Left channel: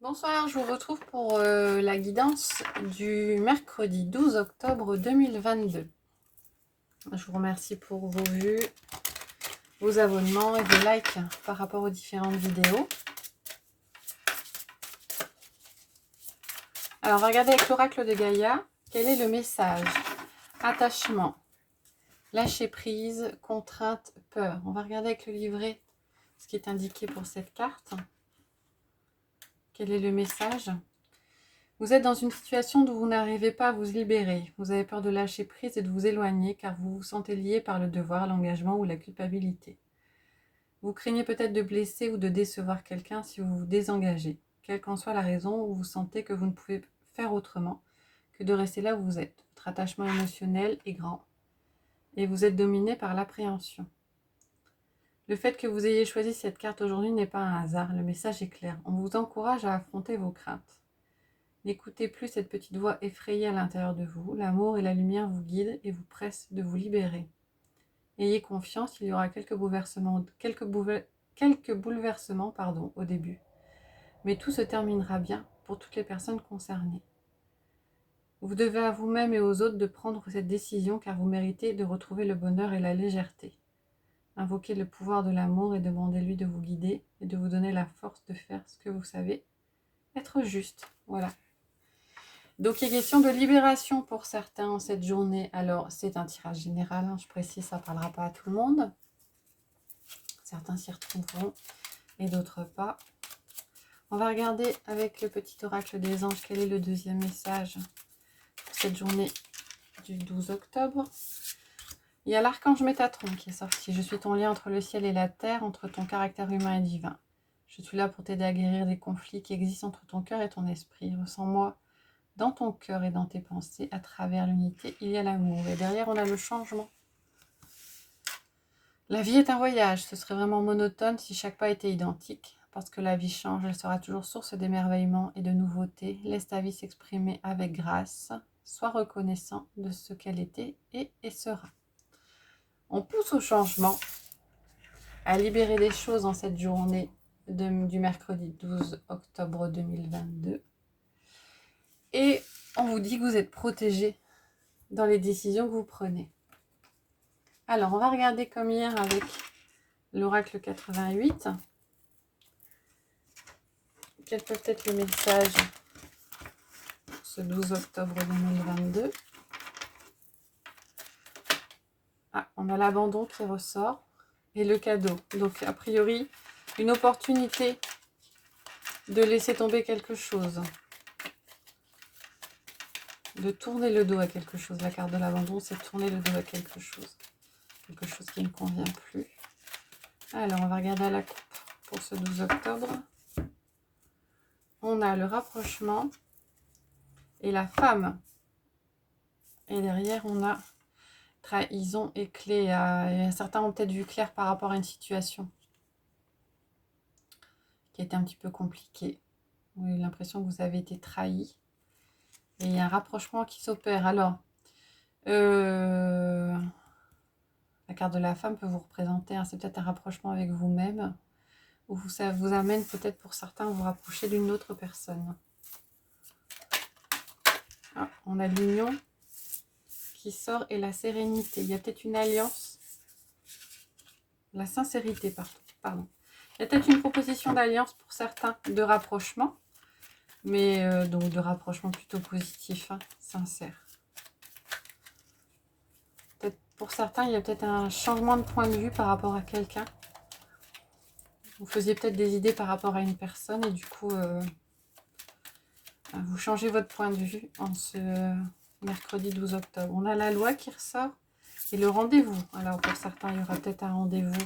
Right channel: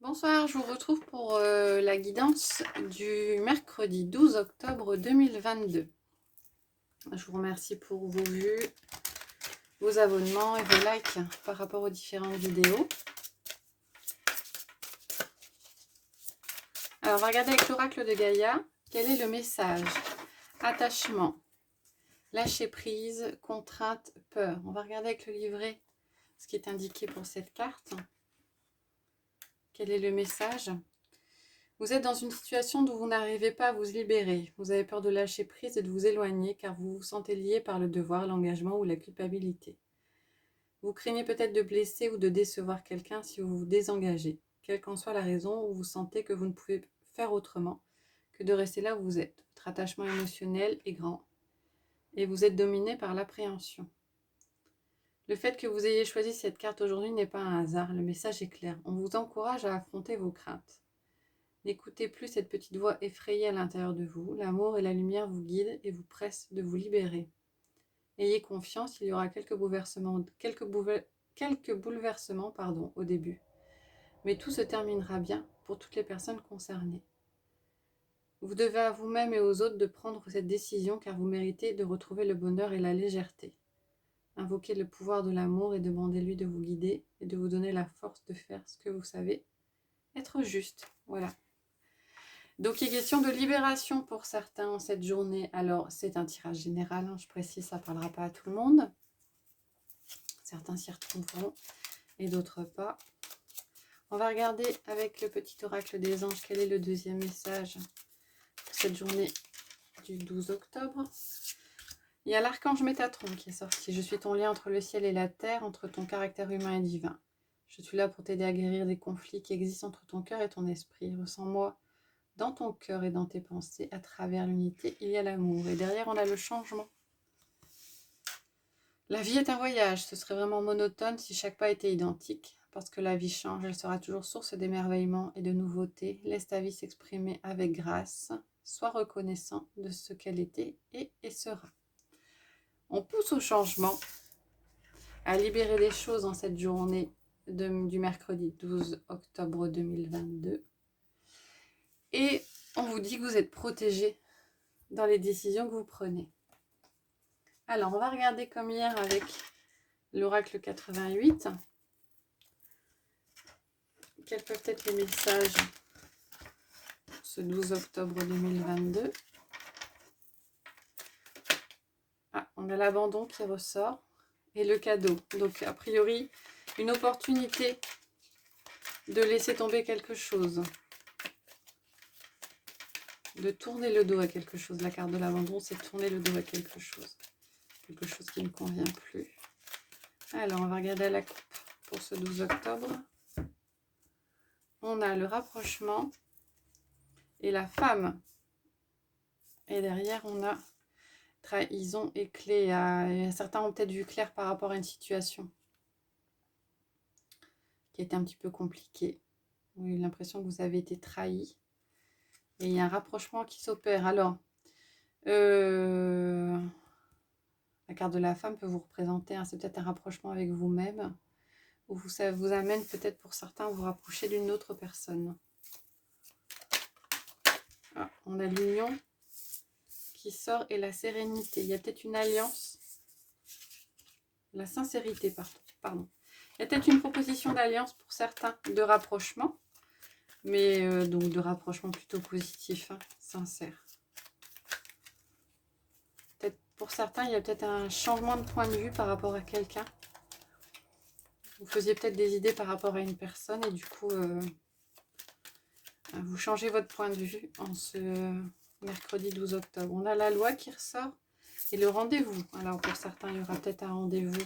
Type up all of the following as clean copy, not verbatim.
Bonsoir, je vous retrouve pour la guidance du mercredi 12 octobre 2022. Je vous remercie pour vos vues, vos abonnements et vos likes par rapport aux différentes vidéos. Alors, regardez avec l'oracle de Gaïa, quel est le message? Attachement, lâcher prise, contrainte, peur. On va regarder avec le livret ce qui est indiqué pour cette carte. Quel est le message? Vous êtes dans une situation où vous n'arrivez pas à vous libérer. Vous avez peur de lâcher prise et de vous éloigner car vous vous sentez lié par le devoir, l'engagement ou la culpabilité. Vous craignez peut-être de blesser ou de décevoir quelqu'un si vous vous désengagez. Quelle qu'en soit la raison, où vous sentez que vous ne pouvez faire autrement que de rester là où vous êtes. Votre attachement émotionnel est grand et vous êtes dominé par l'appréhension. Le fait que vous ayez choisi cette carte aujourd'hui n'est pas un hasard. Le message est clair. On vous encourage à affronter vos craintes. N'écoutez plus cette petite voix effrayée à l'intérieur de vous. L'amour et la lumière vous guident et vous pressent de vous libérer. Ayez confiance, il y aura quelques bouleversements au début. Mais tout se terminera bien pour toutes les personnes concernées. Vous devez à vous-même et aux autres de prendre cette décision car vous méritez de retrouver le bonheur et la légèreté. Invoquez le pouvoir de l'amour et demandez-lui de vous guider et de vous donner la force de faire ce que vous savez être juste. Voilà. Donc, il est question de libération pour certains en cette journée. Alors, c'est un tirage général, hein, je précise, ça ne parlera pas à tout le monde. Certains s'y retrouveront et d'autres pas. On va regarder avec le petit oracle des anges quel est le deuxième message pour cette journée du 12 octobre. Il y a l'archange Métatron qui est sorti. Je suis ton lien entre le ciel et la terre, entre ton caractère humain et divin. Je suis là pour t'aider à guérir des conflits qui existent entre ton cœur et ton esprit. Ressens-moi dans ton cœur et dans tes pensées, à travers l'unité, il y a l'amour. Et derrière, on a le changement. La vie est un voyage. Ce serait vraiment monotone si chaque pas était identique. Parce que la vie change, elle sera toujours source d'émerveillement et de nouveautés. Laisse ta vie s'exprimer avec grâce. Sois reconnaissant de ce qu'elle était et sera. On pousse au changement, à libérer des choses en cette journée du mercredi 12 octobre 2022. Et on vous dit que vous êtes protégé dans les décisions que vous prenez. Alors, on va regarder comme hier avec l'oracle 88. Quels peuvent être les messages pour ce 12 octobre 2022? Ah, on a l'abandon qui ressort et le cadeau. Donc, a priori, une opportunité de laisser tomber quelque chose. De tourner le dos à quelque chose. La carte de l'abandon, c'est tourner le dos à quelque chose. Quelque chose qui ne convient plus. Alors, on va regarder à la coupe pour ce 12 octobre. On a le rapprochement et la femme. Et derrière, on a trahison et clé. Certains ont peut-être vu clair par rapport à une situation qui était un petit peu compliquée. Vous avez l'impression que vous avez été trahi. Et il y a un rapprochement qui s'opère. Alors, la carte de la femme peut vous représenter, hein, c'est peut-être un rapprochement avec vous-même. Ou ça vous amène peut-être pour certains à vous rapprocher d'une autre personne. Ah, on a l'union qui sort et la sérénité. Il y a peut-être une alliance. La sincérité, pardon. Il y a peut-être une proposition d'alliance pour certains de rapprochement. Mais donc de rapprochement plutôt positif, hein, sincère. Peut-être pour certains, il y a peut-être un changement de point de vue par rapport à quelqu'un. Vous faisiez peut-être des idées par rapport à une personne et du coup, vous changez votre point de vue en ce mercredi 12 octobre. On a la loi qui ressort et le rendez-vous. Alors pour certains, il y aura peut-être un rendez-vous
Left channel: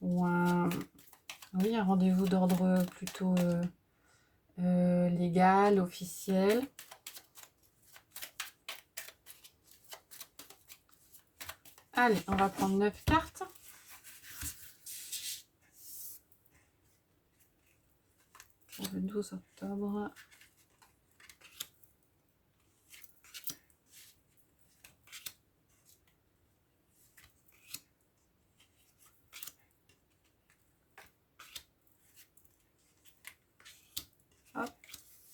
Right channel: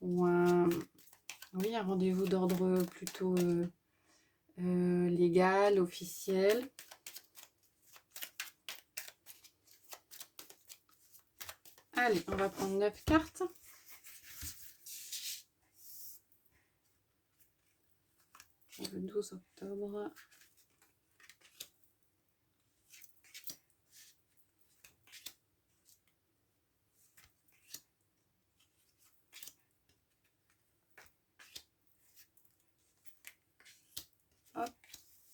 ou un rendez-vous d'ordre plutôt légal, officiel. Allez, on va prendre 9 cartes. Pour le 12 octobre.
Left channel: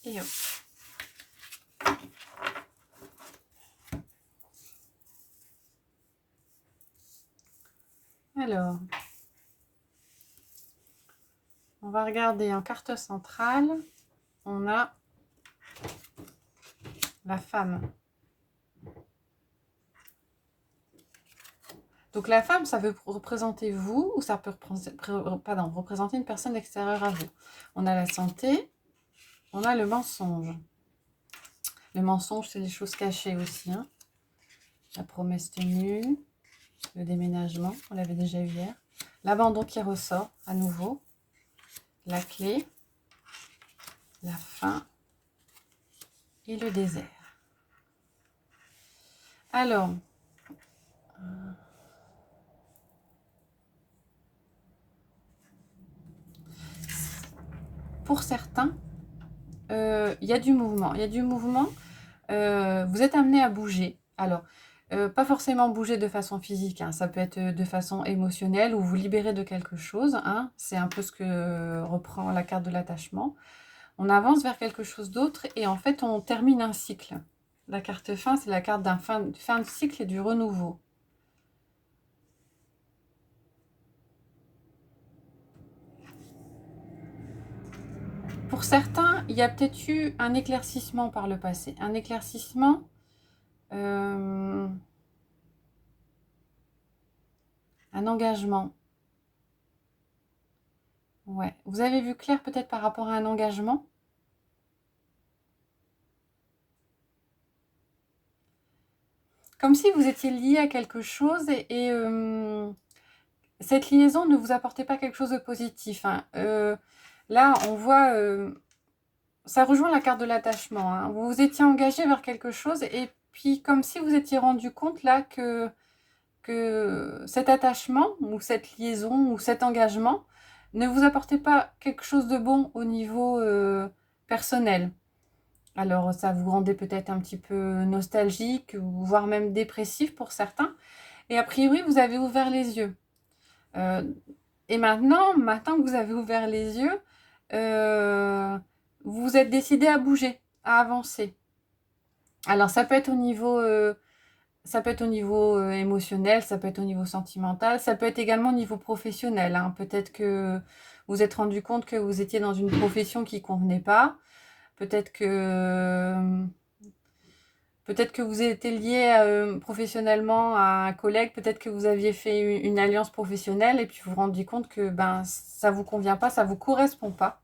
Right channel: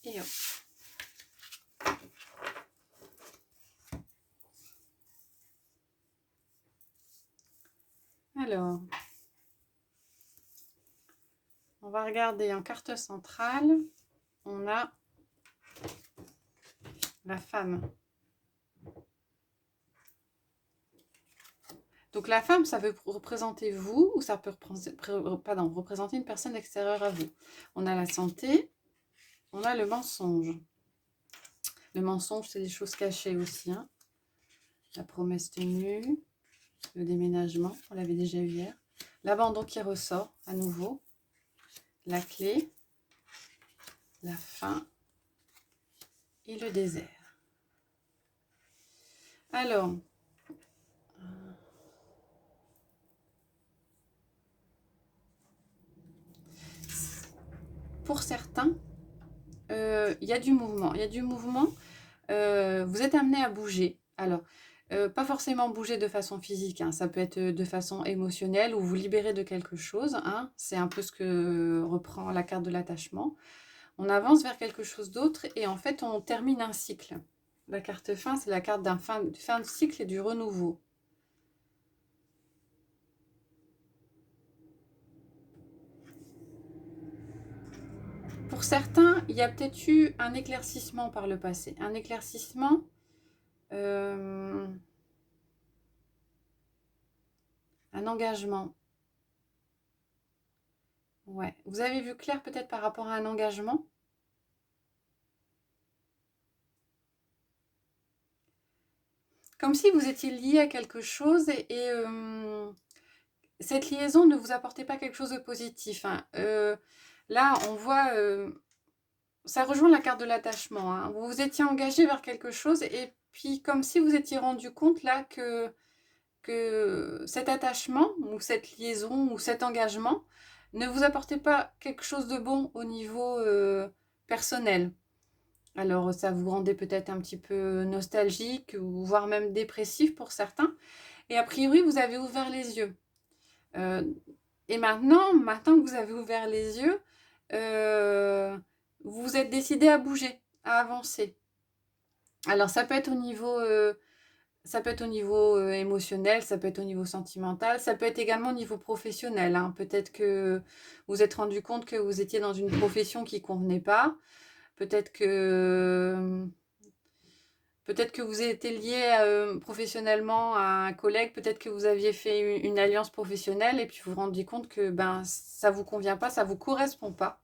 Et hop. Alors, on va regarder en carte centrale. On a la femme. Donc la femme, ça veut représenter vous ou ça peut représenter une personne extérieure à vous. On a la santé, on a le mensonge. Le mensonge, c'est les choses cachées aussi. Hein. La promesse tenue, le déménagement, on l'avait déjà eu hier. L'abandon qui ressort à nouveau. La clé, la faim et le désert. Alors, pour certains, il y a du mouvement. Il y a du mouvement. Vous êtes amené à bouger. Alors, pas forcément bouger de façon physique. Hein. Ça peut être de façon émotionnelle ou vous libérer de quelque chose. Hein. C'est un peu ce que reprend la carte de l'attachement. On avance vers quelque chose d'autre et en fait, on termine un cycle. La carte fin, c'est la carte d'un fin de cycle et du renouveau. Pour certains, il y a peut-être eu un éclaircissement par le passé. Un éclaircissement, un engagement. Ouais. Vous avez vu clair peut-être par rapport à un engagement? Comme si vous étiez lié à quelque chose et cette liaison ne vous apportait pas quelque chose de positif. Hein. Là, on voit, ça rejoint la carte de l'attachement. Hein. Vous vous étiez engagé vers quelque chose et puis comme si vous étiez rendu compte là que cet attachement ou cette liaison ou cet engagement ne vous apportait pas quelque chose de bon au niveau personnel. Alors, ça vous rendait peut-être un petit peu nostalgique, ou voire même dépressif pour certains. Et a priori, vous avez ouvert les yeux. Et maintenant que vous avez ouvert les yeux, vous vous êtes décidé à bouger, à avancer. Alors, ça peut être au niveau émotionnel, ça peut être au niveau sentimental, ça peut être également au niveau professionnel. Hein. Peut-être que vous vous êtes rendu compte que vous étiez dans une profession qui ne convenait pas. Peut-être que vous étiez lié professionnellement à un collègue, peut-être que vous aviez fait une alliance professionnelle et puis vous vous rendiez compte que ça ne vous convient pas, ça ne vous correspond pas.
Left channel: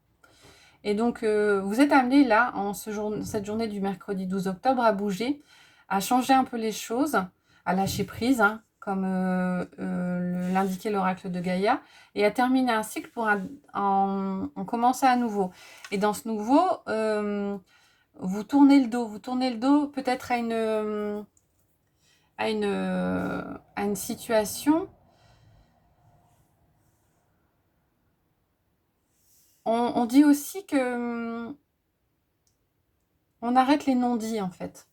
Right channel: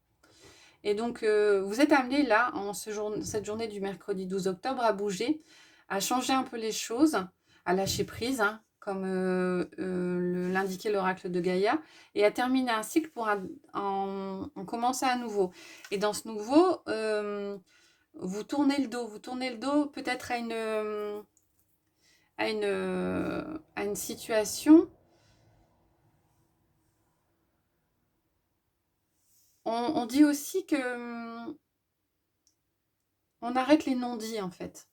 Et donc, vous êtes amené là, cette journée du mercredi 12 octobre, à bouger, à changer un peu les choses, à lâcher prise, hein, comme l'indiquait l'oracle de Gaïa, et à terminer un cycle pour en commencer à nouveau. Et dans ce nouveau, vous tournez le dos peut-être à une situation. On dit aussi que on arrête les non-dits en fait.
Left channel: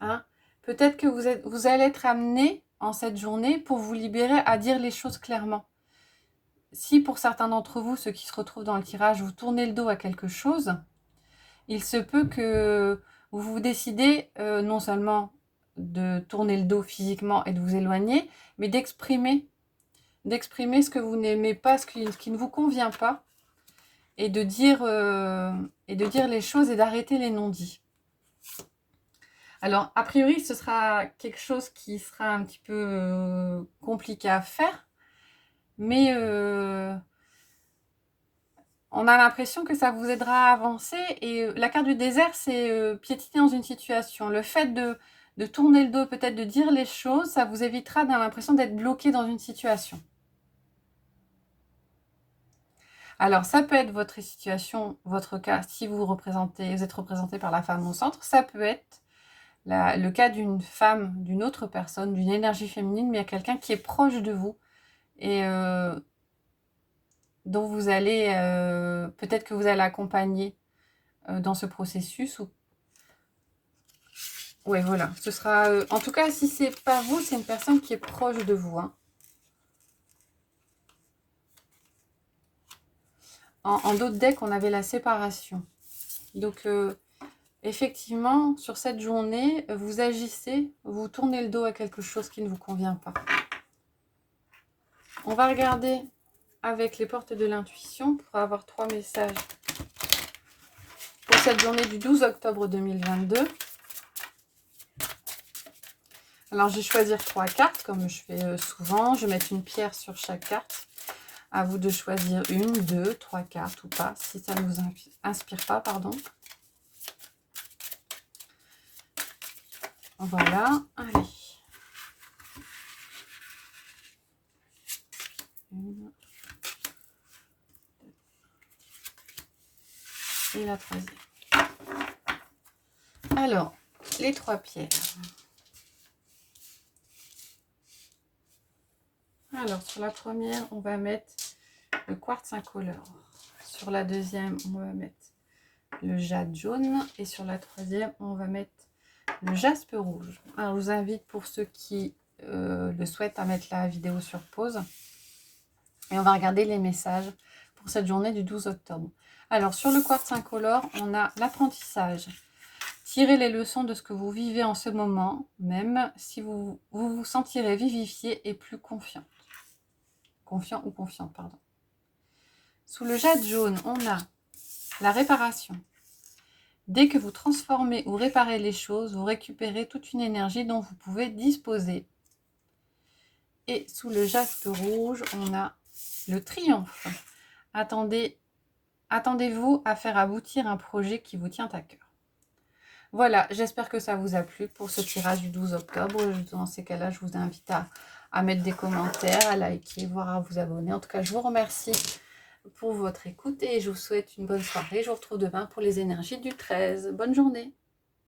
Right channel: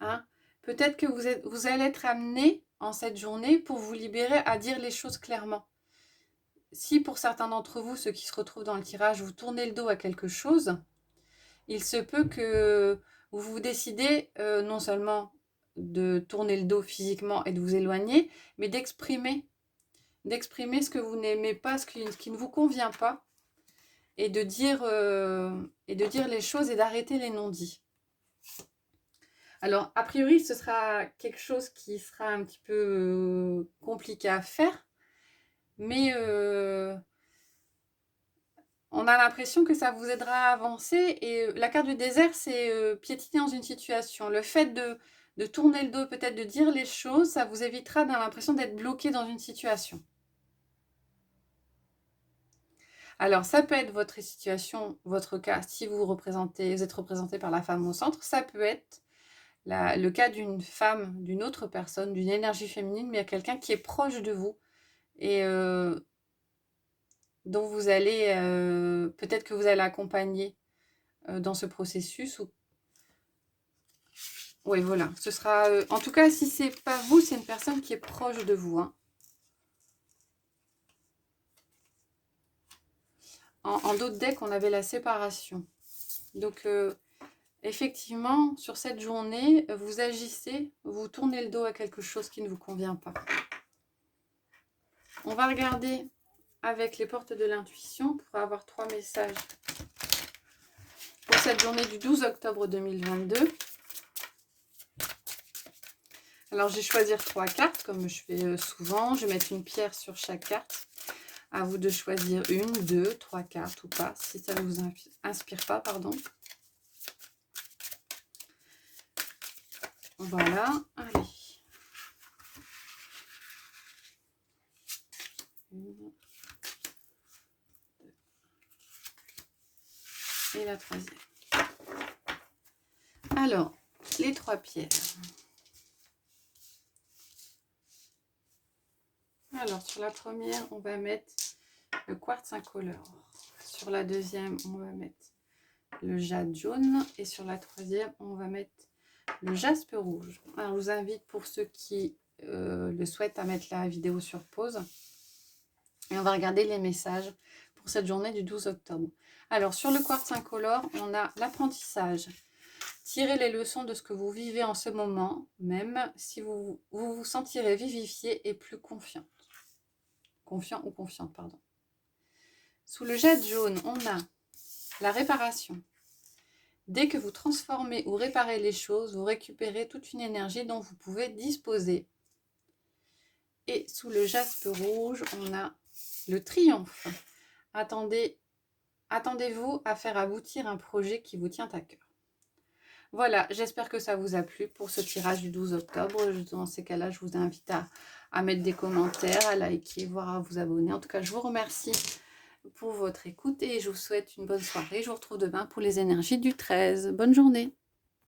Hein. Peut-être que vous allez être amené en cette journée pour vous libérer à dire les choses clairement. Si pour certains d'entre vous, ceux qui se retrouvent dans le tirage, vous tournez le dos à quelque chose, il se peut que vous décidez non seulement de tourner le dos physiquement et de vous éloigner, mais d'exprimer ce que vous n'aimez pas, ce qui ne vous convient pas, et de dire les choses et d'arrêter les non-dits. Alors, a priori, ce sera quelque chose qui sera un petit peu compliqué à faire, mais on a l'impression que ça vous aidera à avancer. Et la carte du désert, c'est piétiner dans une situation. Le fait de tourner le dos, peut-être de dire les choses, ça vous évitera d'avoir l'impression d'être bloqué dans une situation. Alors, ça peut être votre situation, votre cas, si vous êtes représenté par la femme au centre. Ça peut être le cas d'une femme, d'une autre personne, d'une énergie féminine, mais il y a quelqu'un qui est proche de vous et dont vous allez, peut-être que vous allez accompagner dans ce processus. Oui, voilà, ce sera, en tout cas, si c'est pas vous, c'est une personne qui est proche de vous. Hein. En d'autres decks, on avait la séparation. Donc, effectivement, sur cette journée, vous agissez, vous tournez le dos à quelque chose qui ne vous convient pas. On va regarder avec les portes de l'intuition pour avoir 3 messages pour cette journée du 12 octobre 2022. Alors, je vais choisir 3 cartes, comme je fais souvent. Je vais mettre une pierre sur chaque carte. À vous de choisir 1, 2, 3 cartes ou pas, si ça ne vous inspire pas, pardon. Voilà, allez. Une, deux, et la 3e. Alors, les 3 pierres. Alors, sur la première, on va mettre le quartz incolore. Sur la deuxième, on va mettre le jade jaune. Et sur la 3e, on va mettre le jaspe rouge. Alors, je vous invite, pour ceux qui le souhaitent, à mettre la vidéo sur pause. Et on va regarder les messages pour cette journée du 12 octobre. Alors, sur le quartz incolore, on a l'apprentissage. Tirez les leçons de ce que vous vivez en ce moment, même si vous vous sentirez vivifié et plus confiant. Confiant ou confiante, pardon. Sous le jade jaune, on a la réparation. Dès que vous transformez ou réparez les choses, vous récupérez toute une énergie dont vous pouvez disposer. Et sous le jaspe rouge, on a le triomphe. Attendez-vous à faire aboutir un projet qui vous tient à cœur. Voilà, j'espère que ça vous a plu pour ce tirage du 12 octobre. Dans ces cas-là, je vous invite à mettre des commentaires, à liker, voire à vous abonner. En tout cas, je vous remercie pour votre écoute et je vous souhaite une bonne soirée. Je vous retrouve demain pour les énergies du 13. Bonne journée.